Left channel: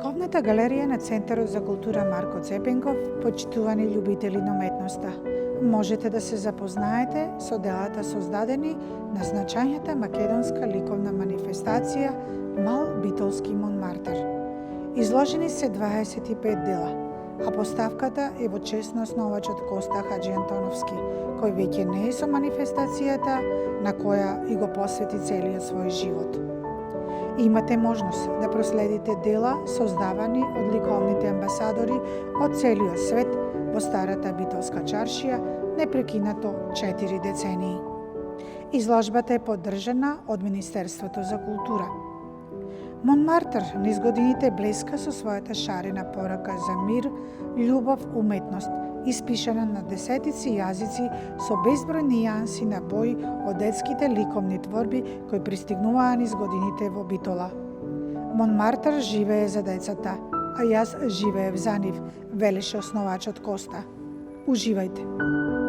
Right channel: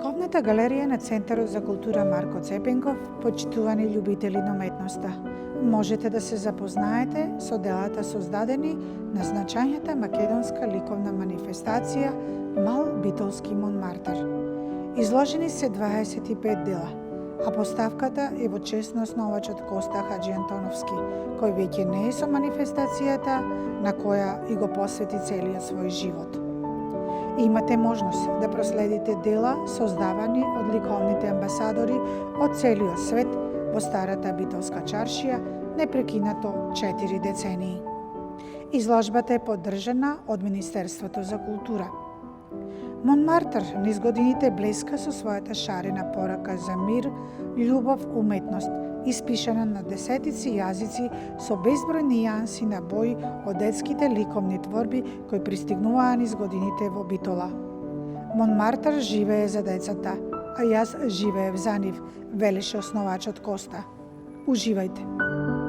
Ликовната галерија на Центарот за култура Марко Цепенков, почитувани љубители на уметноста, можете да се запознаете со делата создадени на значајната македонска ликовна манифестација Мал битолски Монмартр. Изложени се 25 дела, а поставката е во чест на основачот Коста Хаджи Антоновски, кој веќе не е со манифестацијата на која и го посвети целиот свој живот. Имате можност да проследите дела создавани од ликовните амбасадори од целиот свет во старата битолска чаршија непрекинато 4 децении. Изложбата е поддржана од Министерството за култура. Монмартр низ годините блеска со својата шарена порака за мир, љубов, уметност, испишана на десетици јазици со безброј нијанси на бои од детските ликовни творби кои пристигнуваа низ годините во Битола. Монмартр живее за децата, а јас живеев за нив, велеше основачот Коста. Уживајте!